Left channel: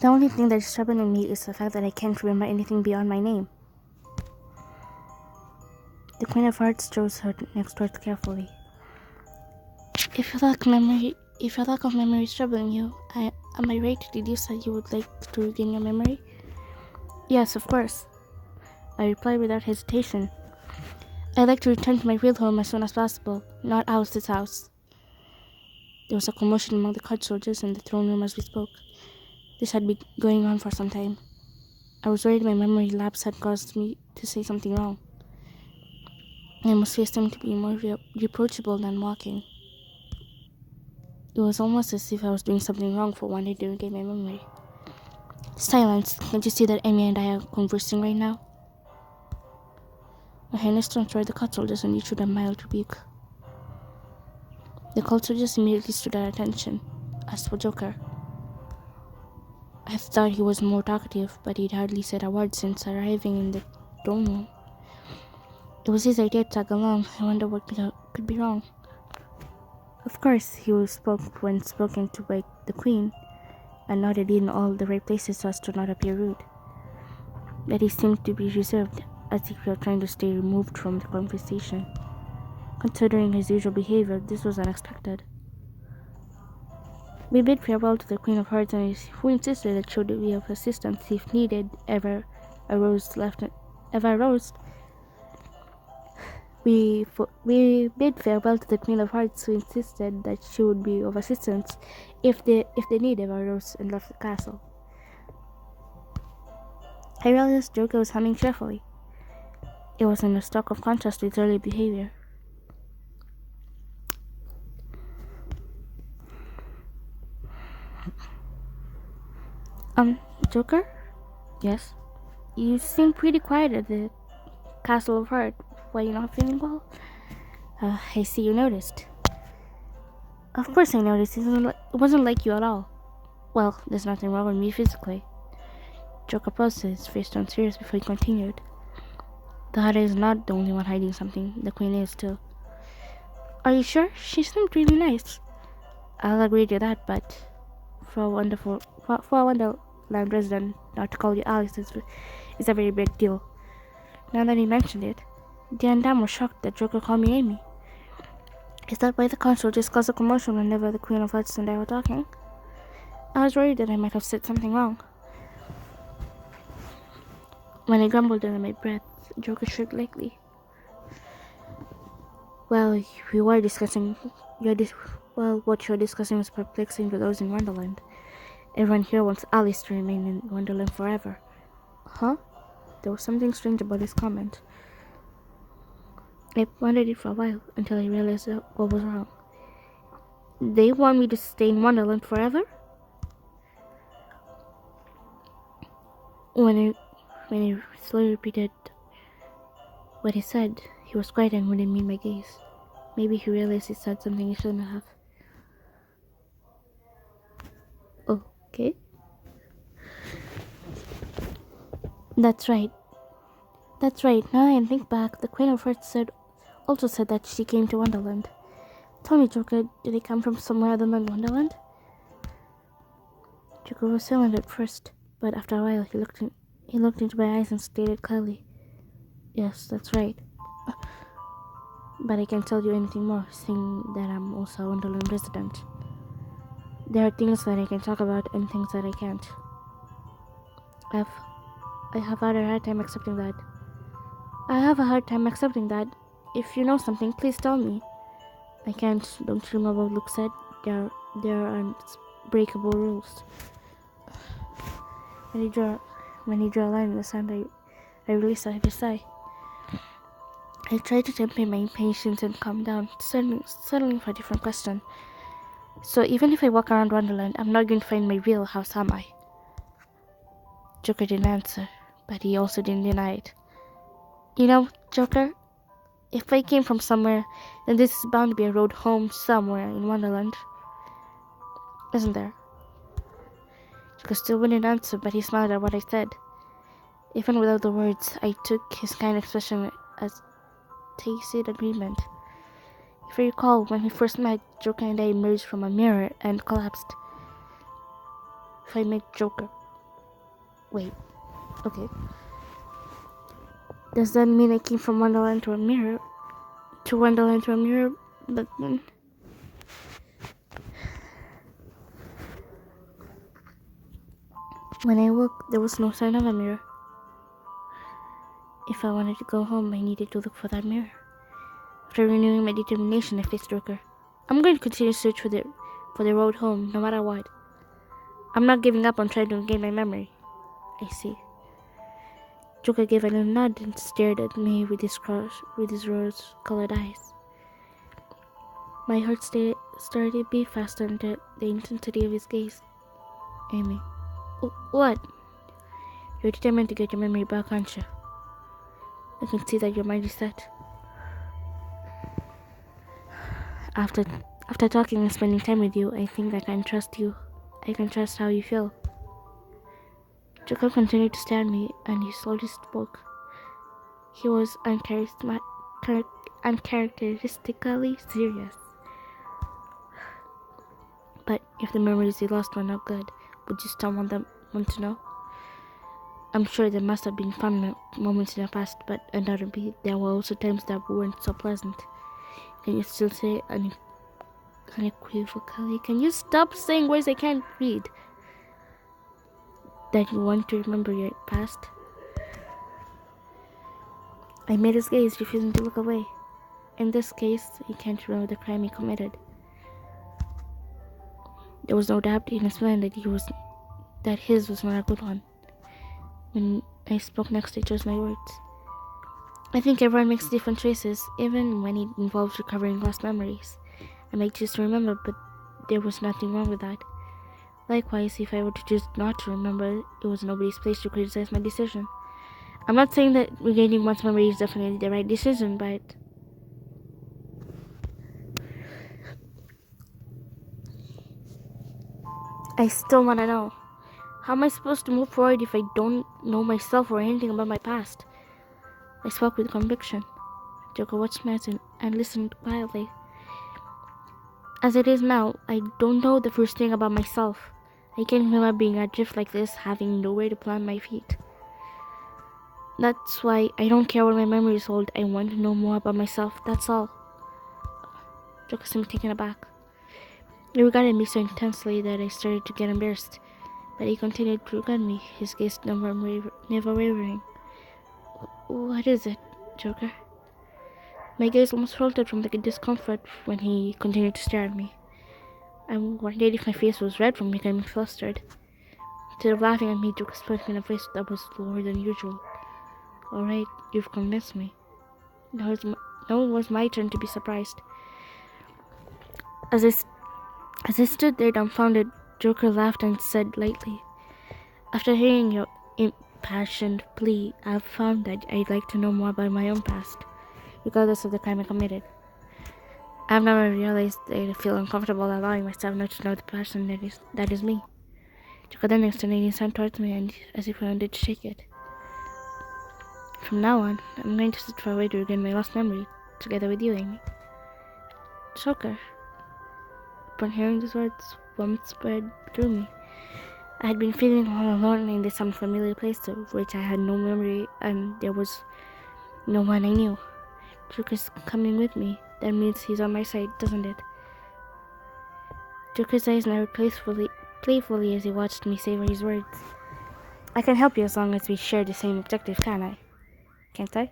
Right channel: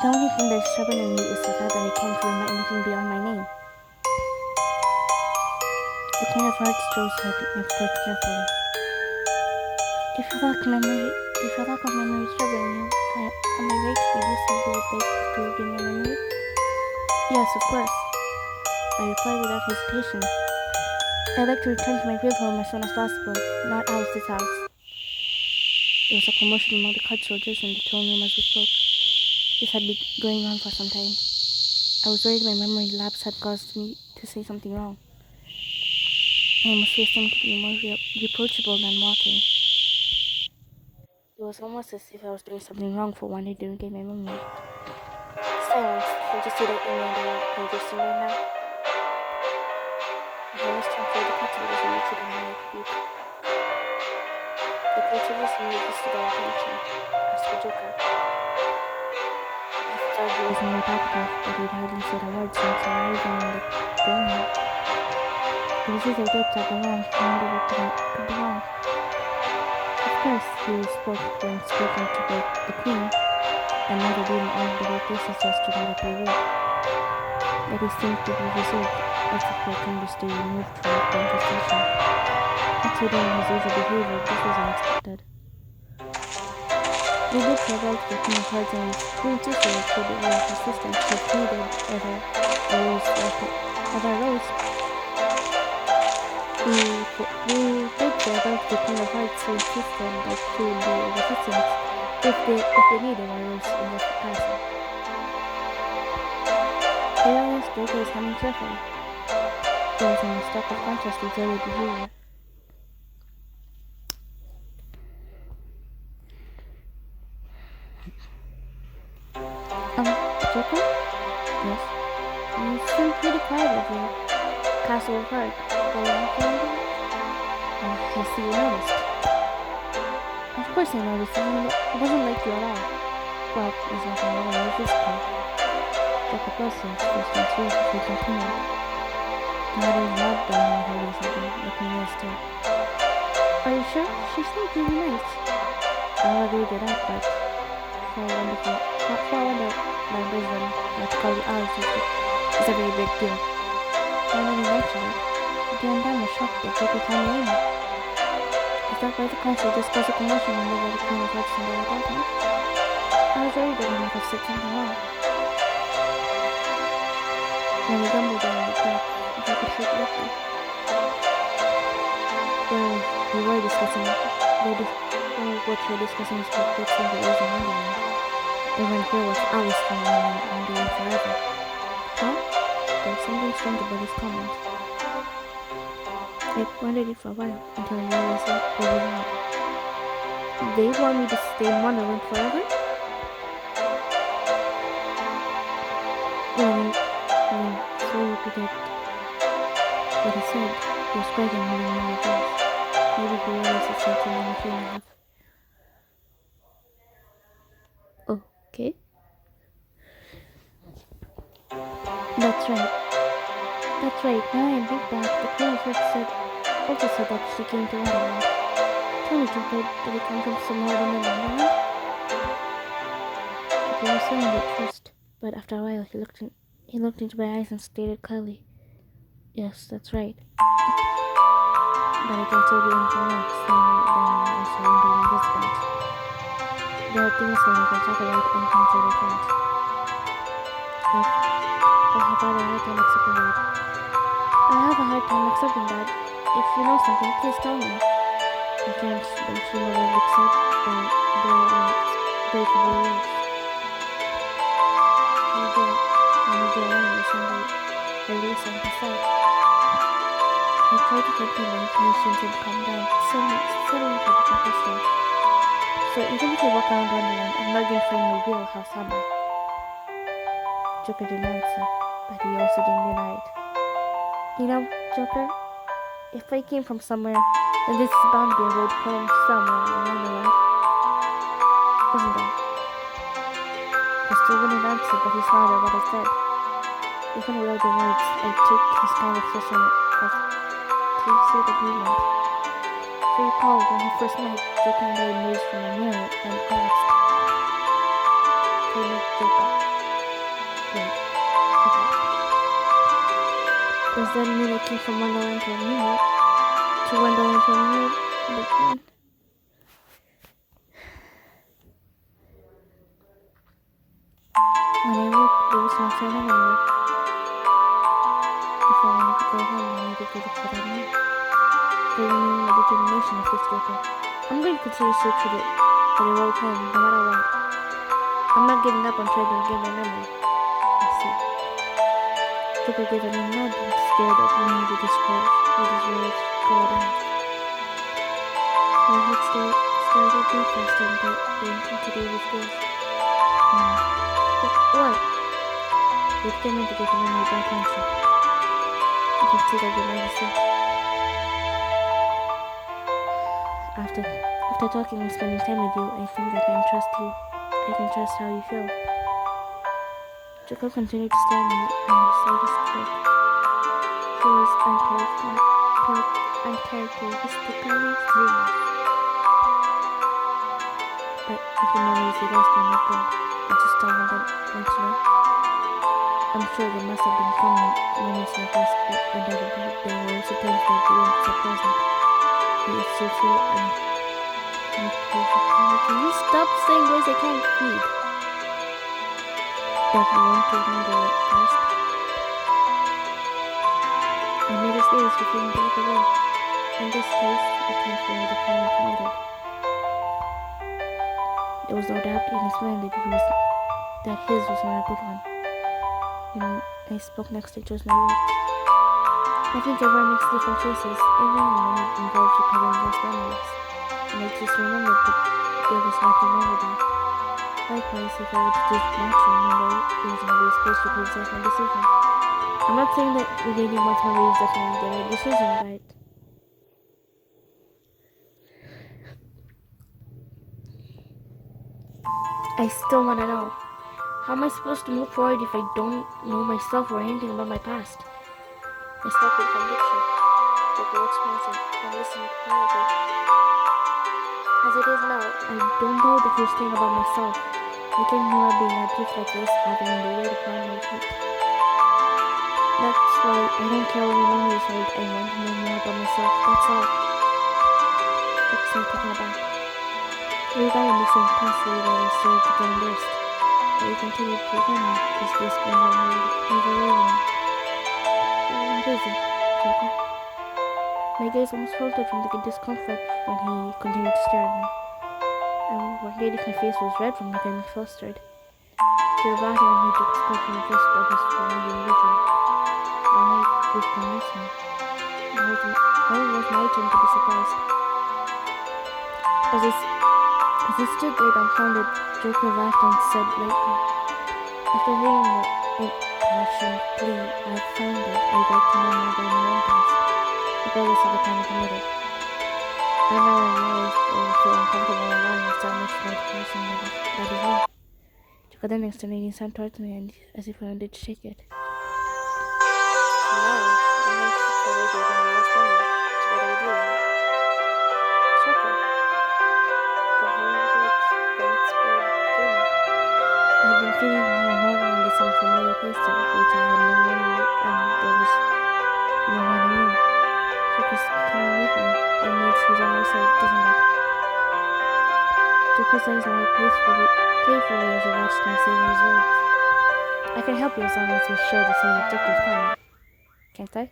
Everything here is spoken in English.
The only thing that is troubling me is the fact that I can't remember anything beyond my name. The Queen of Hearts chose her next words carefully. If your lack of memory is troubling you, am I right to deduce that you would like to regain your memory? Yes, of course. I replied without hesitation. I'd like to return to my real home as soon as possible, not Alice's house. There was a commotion among the card soldiers in the throne room as we spoke. This had been going on for some time. I was worried my memory lapse had caused me to say something wrong. I must face them to be more reproachable than walking. It was almost as if I was doing something wrong for wanting to regain my memory. Silence. Can't you see that Amy and I are conversing right now? My highness turned toward the cult soldiers and issued a mild rebuke. The cult soldiers immediately stood at attention. As for Joker, I thought he was more talkative, but he'd hardly said a word since arriving in the dorm room. It was his idea to tag along, and wonder what could be wrong. Of course, he spoke when spoken to by the Queen, and nodded in all the right places so as to not appear rude. Yet he seemed to be reserved, as if he were trying to stay removed from the conversation. Considering his usual behavior, this was unexpected. We bid farewell to the Queen of Hearts and who insisted that should we of assistance if needed ever arose. We bid farewell to the Queen of Hearts who insisted that she would be of assistance if the need ever arose in the castle. I realized Joker was humming cheerfully. It was in a stark contrast to his early behavior. Joker? Yes? You seem pretty quiet at the Castle of Heart. Why you not feeling good? I see you noticed. Of course I noticed. It wasn't like you at all. Well, there's nothing wrong with you physically. Joker paused his face and tears before he continued. The heart is not the only one hiding something. The Queen is too. Are you sure? She seemed pretty nice. I'll agree to that, but for a wonderland president, not to call you Alice is a very big deal. Now that you mentioned it, Dan Dan was shocked that Joker called me Amy. Is that why the council just caused a commotion whenever the Queen of Hearts and I were talking? I was worried that I might have said something wrong. When he grumbled during his breath, Joker shrieked lightly. Well, we were discussing what you were discussing was perplexing the Rose in Wonderland. Everyone here wants Alice coming in Wonderland forever. Huh? There was something strange about his comment. I wondered it for a while until I realized what was wrong. They want me to stay in Wonderland forever? When he slowly repeated what he said, he was quiet and holding me in my gaze. Maybe he realized he said something he shouldn't have. Okay. That's right. Now I think back, the Queen of Hearts also said that she came to Wonderland. Tell me, Joker, did it come from somewhere other than Wonderland? Joker was silent at first, but after a while he looked into my eyes and stated clearly, "Yes, that's right. But I can't tell you anything more, seeing that I'm also a Wonderland resident. There are things that I can talk about and things that I can't. I have had a hard time accepting that. If you know something, please tell me. I can't, don't you know what Luke said? There are unbreakable rules. When you draw a line in the sand, I really start to sigh. I tried to temper my impatience and calm down, settling for a different question. So even if I walk around Wonderland, I'm not going to find my real house, am I? Joker didn't answer, but he also didn't deny it. You know, Joker, if I came from somewhere, then this is bound to be a road home somewhere in Wonderland. Isn't there? He still wouldn't answer, but he smiled at what I said. Even without the words, I took his kind expression as tacit agreement. If you recall, when he first met, Joker and I emerged from a mirror and collapsed. Tried to make Joker. Wait. Okay. Does that mean I came from Wonderland to a mirror? To Wonderland to a mirror? But then... When I woke, there was no sign of a mirror. If I wanted to go home, I needed to look for that mirror. For renewing my determination to face Joker. I'm going to continue to search for the road home, no matter what. I'm not giving up on trying to regain my memory. I see. Joker gave a new nod and stared at me with his rose-colored eyes. My heart started to beat faster under the intensity of his gaze. What? You're determined to get your memory back, aren't you? I can see that your mind is set. After talking and spending time with you, I think that I can trust you. I can trust how you feel. Jacob continued to stare at me, and he slowly spoke. He was uncharacteristically serious. But if the memories you lost were not good, would you still want to know? I'm sure there must have been fun moments in the past, but undoubtedly there were also times that weren't so pleasant. And you still say can you stop saying words I can't read? That you want to remember your past? I made his gaze, refusing to look away. In this case, I can't remember the crime he committed. There was no doubt in his mind that his was not a good one. When I spoke next, I chose my words. I think everyone makes different choices, even when it involves recovering lost memories. And I choose to remember, but there was nothing wrong with that. Likewise, if I were to choose not to remember, it was nobody's place to criticize my decision. I'm not saying that regaining one's memory is definitely the right decision, but I still want to know. How am I supposed to move forward if I don't know myself or anything about my past? I spoke with conviction. Joker watched me and listened quietly. As it is now, I don't know the first thing about myself. I can't remember being adrift like this, having nowhere to plant my feet. That's why I don't care what my memories hold. I want to know more about myself, that's all. Joker seemed taken aback. He regarded me so intensely that I started to get embarrassed. But he continued to regard me, his gaze never wavering. What is it, Joker? My gaze almost faltered from the discomfort when he continued to stare at me. I wondered if my face was red from becoming flustered. Instead of laughing at me, Joker spoke in a voice that was lower than usual. Alright, you've convinced me. Now it was my turn to be surprised. As I stood there dumbfounded, Joker laughed and said lightly, "After hearing your impassioned plea, I've found that I'd like to know more about my own past, regardless of the crime I committed. I've never realized that I feel uncomfortable allowing myself not to know the person that is me." Joker then extended his hand towards me and as if I wanted to shake it. From now on, I'm anxious for a way to regain my lost memory, together with you, Joker. Upon hearing these words, warmth spread through me. I had been feeling all alone in this unfamiliar place to which I had no memory, and there was no one I knew. Joker's coming with me. That means he's on my side, doesn't it? Joker's eyes narrowed playfully as he watched me savor his words. I can help you as long as we share the same objective, can't I?